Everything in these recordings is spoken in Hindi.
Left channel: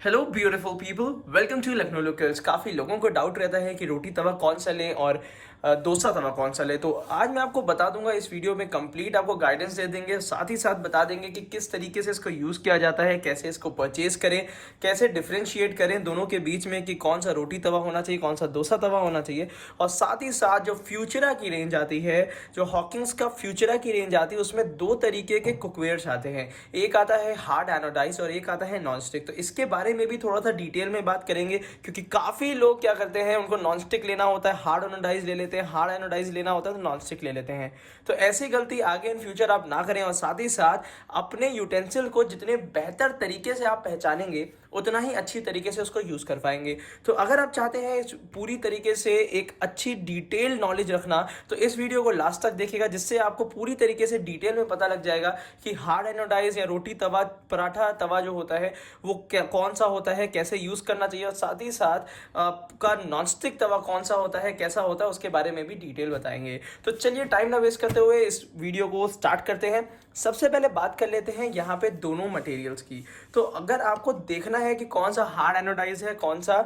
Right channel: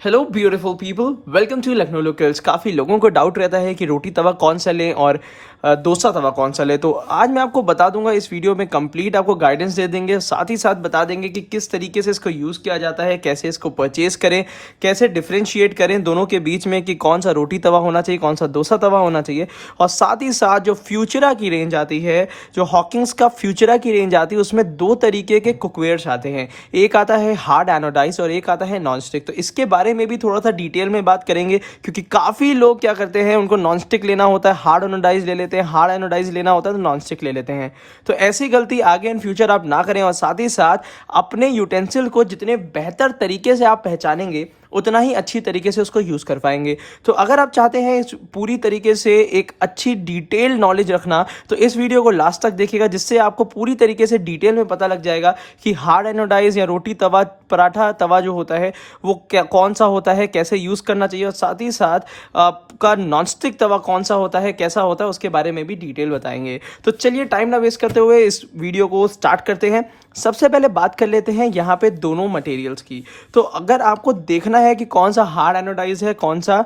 Hello beautiful people, welcome to Lucknow locals. काफ़ी लोगों को डाउट रहता है कि रोटी तवा कौन सा लें और डोसा तवा कौन सा लें। तो आज मैं आपको बता दूंगा, इस वीडियो में कंप्लीट आपको गाइडेंस दे देंगे, साथ ही साथ बता देंगे कि किस तरीके से इसको यूज़ किया जाता है, कैसे इसको परचेज करें, कैसे डिफ्रेंशिएट करें दोनों के बीच में कि कौन सा रोटी तवा होना चाहिए, कौन सा डोसा तवा होना चाहिए। और साथ ही साथ जो फ्यूचरा की रेंज आती है, जो हॉकिंग्स का फ्यूचरा की रेंज आती है, उसमें दो तरीके के कुकवेयर्स आते हैं। एक आता है हार्ड एनोडाइज और एक आता है नॉन स्टिक। तो इसके बारे में भी थोड़ा सा डिटेल में बात करेंगे, क्योंकि काफ़ी लोग क्या करते हैं, उनको नॉन स्टिक लेना होता है, हार्ड एनोडाइज ले लेते हैं, हार्ड एनोडाइज लेना होता है तो नॉन स्टिक ले लेते हैं। तो ऐसी गलती आगे इन फ्यूचर आप ना करें। और साथ ही साथ अपने यूटेंसिल को जितने बेहतर तरीके से आप पहचानेंगे, उतना ही अच्छी तरीके से उसको यूज़ कर पाएंगे। तो अगर आप चाहते हैं इस पूरी तरीके से एक अच्छी डिटेल नॉलेज रखना, तो इस वीडियो को लास्ट तक देखिएगा, जिससे आपको पूरी तरीके से डिटेल में पता लग जाएगा कि हार्ड एनोडाइज या रोटी तवा, पराठा तवा जो होता है वो क्या कौन सा होता है, कैसे यूज़ करना चाहिए। और साथ ही साथ आपका नॉनस्टिक तवा कौन सा होता है, कैसा होता है, उसके बारे में भी डिटेल बताएंगे। तो चलिए टाइम ना वेस्ट करते हुए इस वीडियो को स्टार्ट करते हैं। सबसे पहले बात कर लेते हैं यहाँ पे दोनों मटेरियल्स की। तो अगर आपको देखना है कि कौन सा हार्ड एनोडाइज है, कौन सा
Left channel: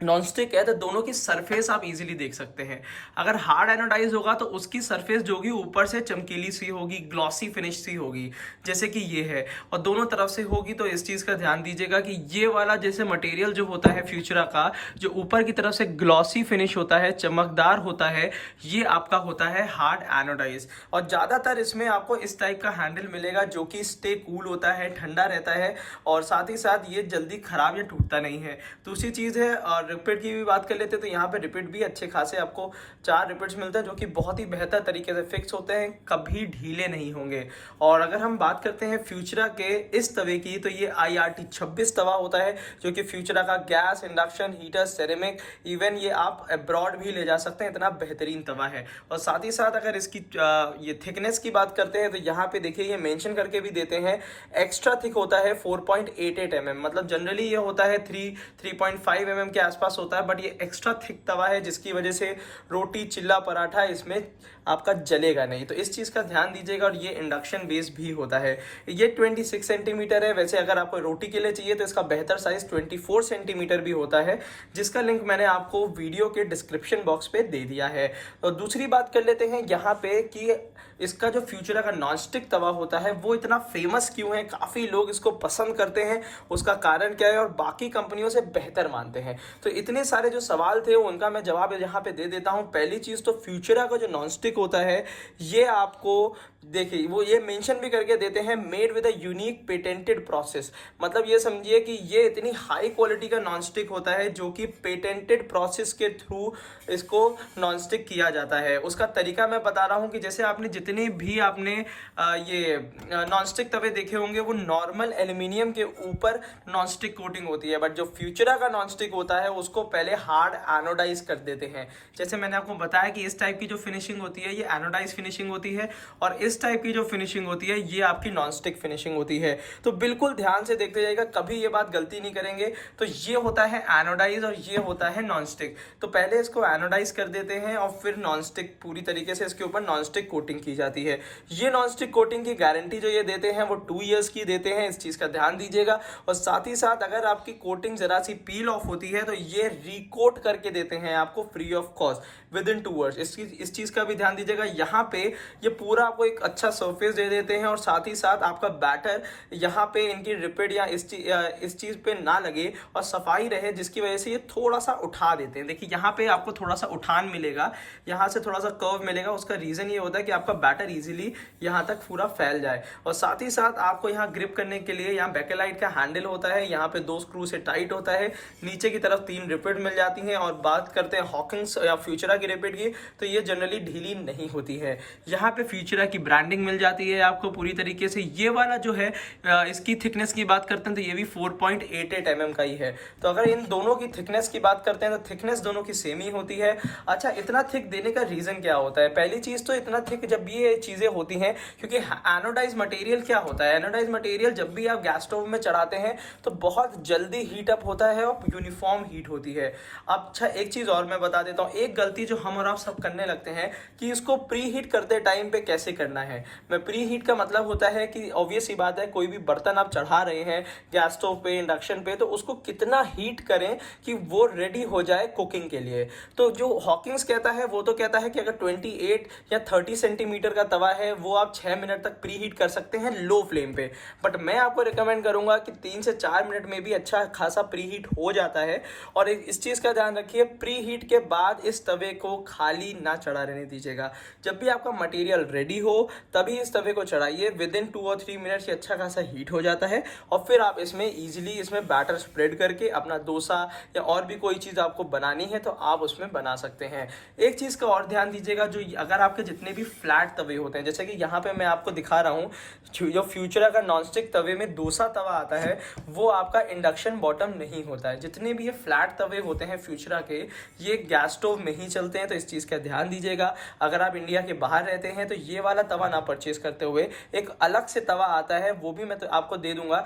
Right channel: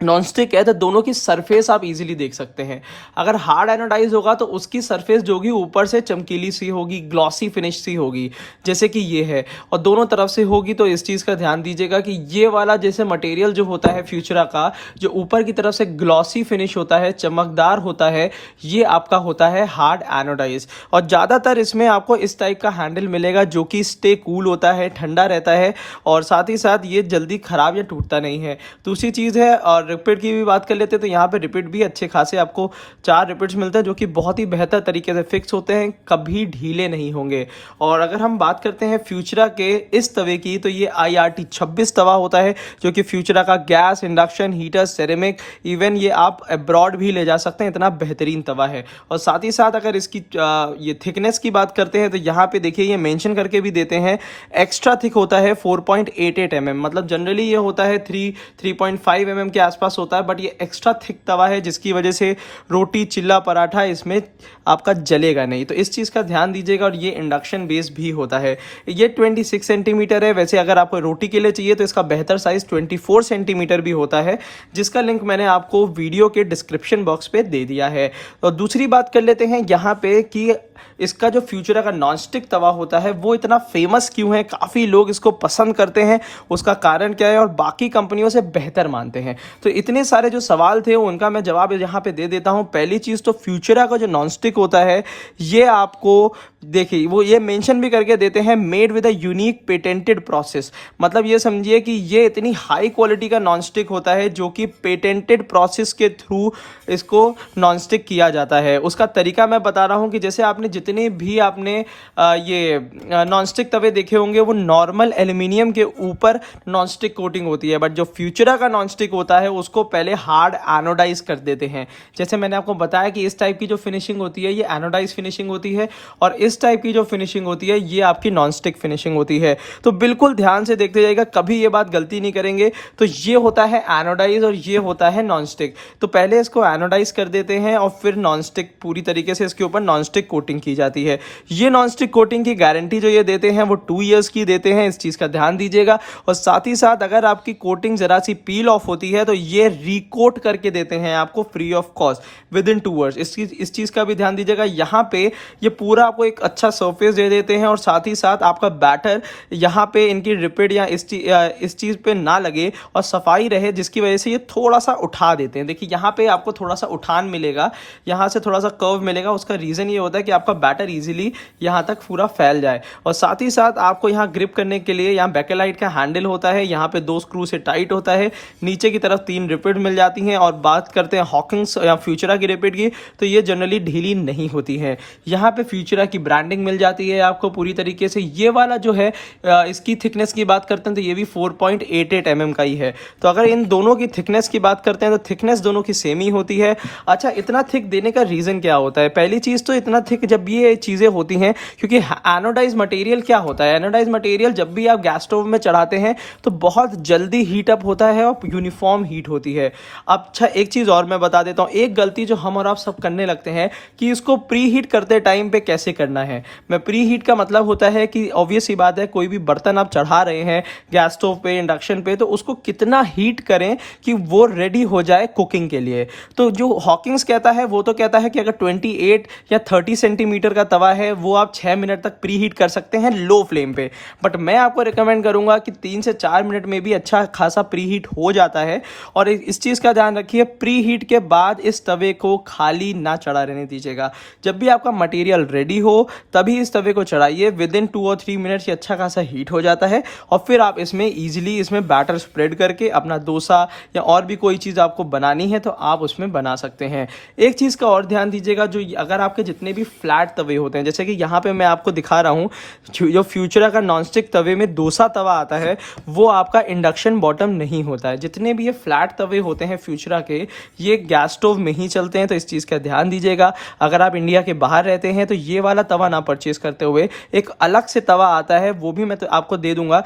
नॉन स्टिक है, तो दोनों की सरफेस आप इजीली देख सकते हैं। अगर हार्ड एनोडाइज होगा तो उसकी सरफेस जो होगी ऊपर से चमकीली सी होगी, ग्लॉसी फिनिश सी होगी, जैसे कि ये है, और दोनों तरफ से होगी। तो इस चीज़ का ध्यान दीजिएगा कि ये वाला जैसे मटेरियल जो होता है फ्यूचरा का, जो ऊपर की तरफ से ग्लॉसी फिनिश होता है, चमकदार होता है, ये आपका होता है हार्ड एनोडाइज। और ज़्यादातर इसमें आपको इस टाइप का हैंडल मिलेगा जो कि स्टे कूल होता है, ठंडा रहता है, और साथ ही साथ ये जल्दी ख़राब या टूटता नहीं है। दूसरी चीज़ है, और रिपिट की भी बात कर लेते हैं, तो यहाँ पे रिपिट भी अच्छे खासे आपको 4 रिपिट्स मिलते हैं, जो कि बहुत ही बेहतर तरीके से फिक्स होते हैं, कभी ढीले नहीं होंगे। और अगर हम बात करते हैं फ्यूचरा के इस तवे की, तो ये IRT 26 तवा होता है, जो कि फ्यूचरा का gas, induction, heater, ceramic, even ये आप अब्रॉड भी ले जा सकते हैं, इतना बेहतरीन तवा है। और साथ ही साथ अगर इसकी ये थिकनेस की बात करते हैं, तो यहाँ पे देखिए ये मेंशन करके भी देते हैं, एक्स्ट्रा थिक होता है 4.88 mm। मतलब जनरली ये होता है 3.5 mm के आसपास होता है, बट ये एक्स्ट्रा थिक तवा है, जिसकी वजह से रोटी, चिल्ला, पराठा इसमें आपका जलेगा नहीं। तो इस चीज़ का ध्यान दीजिएगा। और ये इंडक्शन बेस भी होता है। ये 26 सेंटीमीटर है। वैसे अगर आपको रोटी के लिए चाहिए तो इसका बेहतर साइज 24 सेंटीमीटर भी होता है, जिसका लिंक मैंने आपको वीडियो के डिस्क्रिप्शन बॉक्स पे दे दिया है। और दूसरी बात कर लेते हैं यहाँ पे कि इसका जो फ्यूचरा का नॉनस्टिक तवा होता है वो इतना फेमस क्यों है, काफ़ी लोग इसको पसंद करते हैं, उसका कारण क्या है, और बाकी कंपनियों से बेहतर मानते हैं। तो इतने सारे जो सवाल थे उनका मैं जवाब यहाँ पे दे देता हूँ। पहली चीज़ तो फ्यूचरा का जो नॉनस्टिक होता है, ये आपको देखिए वो ये मेंशन भी करके देते हैं, made with a unique patented process. मतलब ये समझिए कि ये इतनी हाई क्वालिटी का नॉनस्टिक होता है, जो कि पेटेंटेड प्रोसेस के थ्रू इसको नॉनस्टिक किया जाता है। उसका तरीका मैं बता रहा हूँ कि जैसे आपने जितने भी आपने ये नॉनस्टिक तवे देखे होंगे, वो नॉर्मल एल्यूमिनियम के ऊपर नॉनस्टिक कोटिंग होती है, बट जो फ्यूचरा का नॉनस्टिक होता है उसको पहले हार्ड एनोडाइज कर देते हैं। जैसे मैंने आपको बताया कि इस टाइप की जो फिनिशिंग होती है ये एनोडाइज फिनिशिंग होती है, और इस टाइप की जो फिनिशिंग होती है ये आपकी नॉनस्टिक फिनिशिंग होती है। तो बिल्कुल ध्यान से देखते जाइएगा, कभी ये बात गलती नहीं करेंगे। तो ये होता है एनोडाइज और ये होता है नॉनस्टिक। तो पहले इसको एनोडाइज कर देते हैं और फिर नॉनस्टिक पूरी तरीके से इसके ऊपर नॉनस्टिक कोटिंग की जाती है। ये नॉनस्टिक कोटिंग की गारंटी जो ये देते हैं वो 2 ईयर्स की देते हैं, इस चीज़ का ध्यान दीजिएगा। और साथ ही साथ अगर आपकी कोटिंग ज़रा सी पील ऑफ होती है तो ये रिकोट करके देते हैं आपको free of cost with in 2 years. इस चीज़ का भी ध्यान दीजिएगा। यहाँ पे ये पूरा आपको एक अच्छा सरफेस दे देते हैं, और साथ ही साथ आपका बैटर यहाँ पे इनकी रिपिड या इस चीज़ पे ना लगे और सफाई रहे, जिसकी वजह से ये थोड़ा सा उठा देते हैं। देखिए यहाँ पे आपको थोड़ा सा उठान मिलेगा, यहाँ से थोड़ा सा कर्व मिलेगा। उसका रीज़न ये होता है कि आपका बैटर इजीली यहाँ तक पूरा फैल जाए। और साथ ही साथ आपको यहाँ ग्रिप करने के लिए यहाँ बैकेलाइट का हैंडल होता है, यहाँ पे 2 स्क्रू से टाइट होता है, नीचे की तरफ 3 रिपिड मिल जाती हैं। और बात करते हैं हॉकिंग्स या फ्यूचरा की रिपिड की, तो ये जनरली ढीली नहीं होती है। यहाँ पे फ्यूचरा की ब्रांडिंग मिल जाती है आपको पूरी तरीके से। ये वाला जो है इसकी थिकनेस की बात करते हैं तो ये भी 4.88 mm का ही है। तो अगर इन दोनों की थिकनेस की बात करते हैं तो थिकनेस दोनों की सेम ही होती है। अच्छा, इतना थिक देने का रीज़न क्या होता है? पहली चीज़ तो इतना थिक जब ये चीज़ें होती हैं, क्योंकि एनोडाइज मटेरियल क्या होता है, एनोडाइज मटेरियल जब भी आप गैस स्टोव में चढ़ाते हैं तो बहुत जल्दी हीट अप होता है और यूनिफॉर्म हीट होती है। अब अच्छा एक चीज़ और मैं बता देता हूँ, एक गलती जो हम और आप सब करने लगते हैं कि इसको प्री हीट करते टाइम पे कैसे करना है। मैं प्री हीट का मतलब होता है कि ऑब्वियस ही बात है, कोई भी बर्तन आप चढ़ा रहे हैं गैस स्टोव पे, इंडक्शन पे, तो उसको कितना हीट करें कि वो रेडी हो जाए कुकिंग के लिए। तो जो हॉकिंग्स कहता है वो तो कहता है कि अगर 28 या 30 सेंटीमीटर का तवा है वो आप 6 मिनट तक प्री हीट कर सकते हैं लो फ्लेम पे। बट मैं आपको रिकमेंड करूंगा कि 3 से 4 मिनट में भी अच्छा खासा प्री हीट हो जाता है। और इस चीज़ का ध्यान रखिए, प्री हीट के बाद इस तवे को खाली ना चढ़ा रहने दीजिएगा। जब भी आपका मटेरियल रेडी हो तभी इस तवे को चढ़ाइए। विद इन 2 और 3 मिनट्स ये अच्छा खासा हीट हो जाता है और फिर आप इसमें ईजिली इसमें बैटर स्प्रेड करके अपना डोसा या और भी कोई चीज़ आपको बनानी है तो आप उसमें बना सकते हैं। एक चीज़ का और ध्यान दीजिएगा, जो अगर आपके जितने भी फ्लैट तवे होते हैं, जैसे कि यहाँ पे मैं आपको दिखा रहा हूँ, जो फ्यूचरा का नॉनस्टिक तवे में डोसा तवा आता है वो आपका इंडक्शन बॉटम नहीं होता है। जितने भी ये फ्लैट तवे होते हैं फ्यूचरा के, ये गैस स्टोव में ही चलते हैं, तो इस चीज़ का ध्यान दीजिएगा। अगर आप इंडिया के बाहर रहते हैं तो ये वाला तवा ना परचेज करते हुए एक अलग से तवा आता है, वो भी मैं तो आपको दे दूंगा,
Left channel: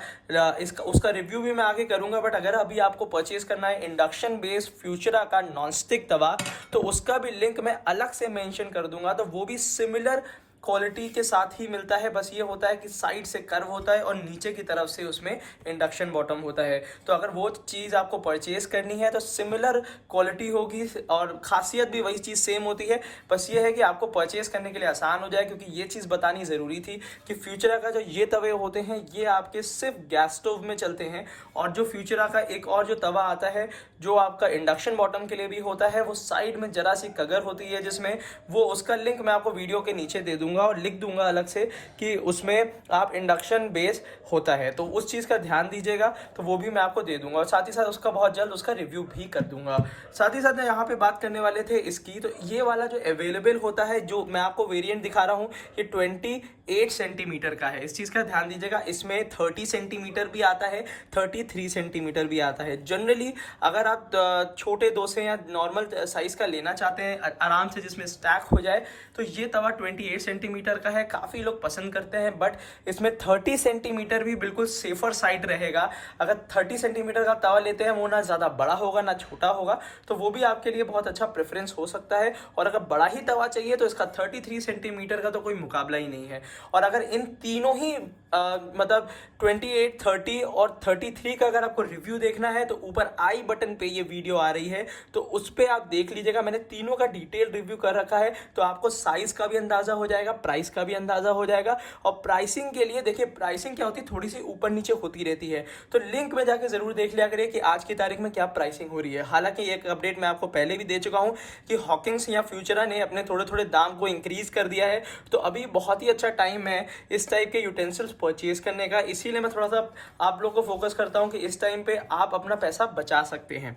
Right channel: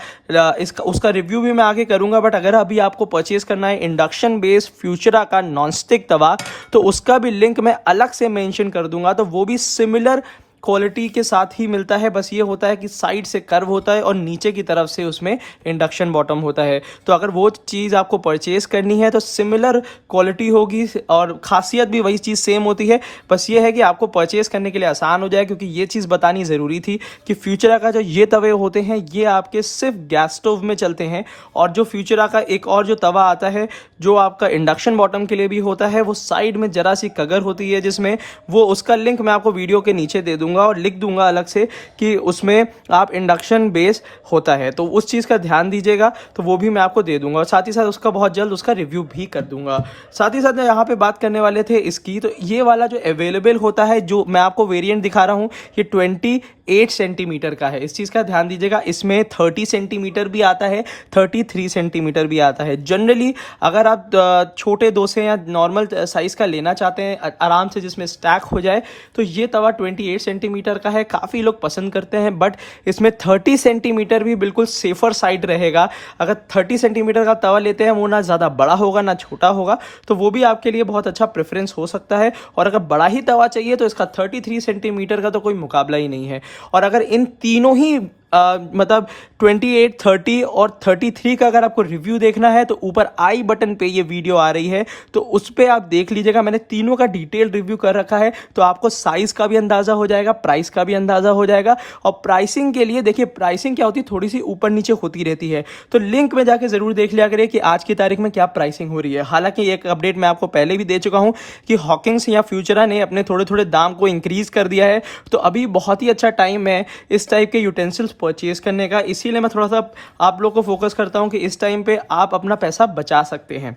इसका उसका रिव्यू भी मैं आगे करूंगा। बट अगर अभी आपको परचेज करना है इंडक्शन बेस्ड फ्यूचरा का नॉनस्टिक तवा, तो उसका भी लिंक मैं अलग से मेंशन कर दूंगा। तो वो भी सिमिलर क्वालिटी के साथ ही मिलता है, बस ये होता है कि साइड से कर्व होता है और नीचे की तरफ से उसमें इंडक्शन बॉटम होता है। तो अगर वो चीज़ आपको परचेज करनी है तो सिमिलर क्वालिटी होगी और खासियत भी वही चीज़ सेम होती है। बस ये है कि आपको परचेज करने के लिए आसान हो जाए, क्योंकि ये चीज़ बतानी ज़रूरी थी कि फ्यूचरा का जो ये तवे होते हैं ये आपके सिर्फ गैस स्टोव में चलते हैं। और जो फ्यूचरा का एक और जो तवा आता है जो आपका इंडक्शन बॉटम के लिए भी होता है, वो साइड में जरा सी कगर होती है जिसमें, वो उसका लिंक मैं आपको वीडियो के नीचे दे दूंगा और लिख दूंगा अलग से कि उसमें आप इंडक्शन बेस होता है, तो उस चीज़ का ध्यान दीजिएगा। तो वो भी मैं आपको दे दूंगा और साथ ही साथ उसका बहुत जल्द उसका रिव्यू भी कर दूंगा। साथ ही साथ यहाँ पे बात करने वाले थे इसकी, तो ये वाला जो अवेलेबल होता है, जो मैं आपको वेरिएंट दिखा रहा हूँ, ये 28 सेंटीमीटर का है। इस चीज़ का ध्यान दीजिएगा। इसमें 30 सेंटीमीटर भी आता है, 33 सेंटीमीटर भी आता है। जनरली अगर आप छोटे डोसे या नॉर्मल साइज़ का लेना चाहते हैं आराम से जिसमें स्टैक हो जाए, तो ये तवा 28 सेंटीमीटर का है, काफ़ी लोग पसंद करते हैं। बट इसमें 30 सेंटीमीटर भी बिल्कुल सेफर साइड रहेगा। अगर 30 सेंटीमीटर का तवा लेते हैं, वो ना ज़्यादा बड़ा होगा ना छोटा होगा, तो वो भी आपके लिए बहुत अच्छा प्रेफरेंस हो सकता है। और अगर बड़ा ही तवा चाहिए तो इसका 33 सेंटीमीटर का तो कोई मुकाबला ही नहीं है। और अगर इन तीनों ही मतलब 28, 30 और 33 का अगर आपको रिव्यू देखना है तो ऊपर आई बटन पे ये वीडियो आ रही है, तो उस पर आप देख लीजिएगा। मैंने तीनों का डिटेल रिव्यू कर रखा है, तो आपको साइज का भी अंदाजा हो जाएगा, प्राइस का भी अंदाजा हो जाएगा। और प्राइसिंग के लिए देखिए, प्राइसिंग क्या होती है, थोड़ी सी ऊपर नीचे होती रहती है, तो लिंक में जाके जरूर देख लिया करिए कि आज की तारीख में क्या प्राइसिंग हो रही है। हालांकि एक अपडेट मैं आपको पहले भी दे चुका हूं कि हॉकिंग्स या फ्यूचरा ने अपने थोड़े थोड़े दाम को इंक्रीज कर दिया है, तो अभी बहुत ही अच्छा टाइम है इस टाइप के यूटेंसिल्स परचेज करने का। इसीलिए मैं थोड़ा सा आप लोग को फोकस करता हूं कि इस टाइम पे आप अपना पैसा बचा सकते हैं।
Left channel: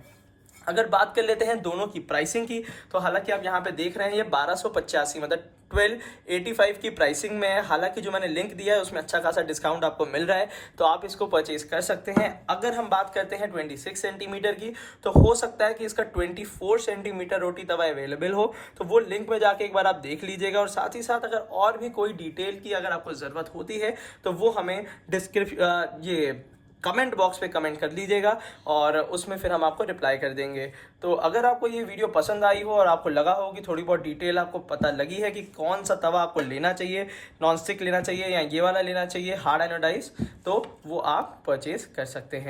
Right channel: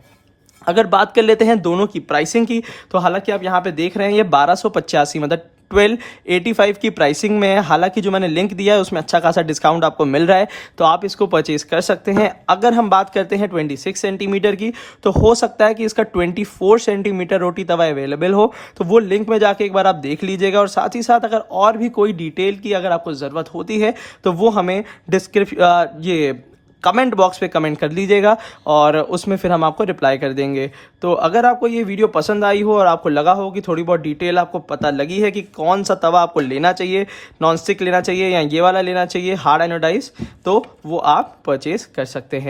अगर बात कर लेते हैं दोनों की प्राइसिंग की, तो हालांकि आप यहाँ पे देख रहे हैं ये 1285 मतलब 1285 की प्राइसिंग में है। हालांकि जो मैंने लिंक दिया है उसमें अच्छा खासा डिस्काउंट आपको मिल रहा है, तो आप इसको परचेज कर सकते हैं। अगर हम बात करते हैं 26 सेंटीमीटर की, तो हो सकता है कि इसका 24 सेंटीमीटर रोटी तवा अवेलेबल हो, तो वो लिंक में जाके एक बार आप देख लीजिएगा। और साथ ही साथ अगर और भी कोई डिटेल की अगर आपको ज़रूरत होती है तो वो हमें ये कमेंट बॉक्स पे कमेंट कर लीजिएगा और उसमें फिर हम आपको रिप्लाई कर देंगे। तो अगर आपको ये वीडियो पसंद आई हो और आपको लगा हो कि थोड़ी बहुत डिटेल आपको पता लगी है कि कौन सा तवा आपको लेना चाहिए, नॉन स्टिक लेना चाहिए या ये वाला लेना चाहिए हार्ड एनोडाइज, तो वो आप परचेज कर सकते हैं।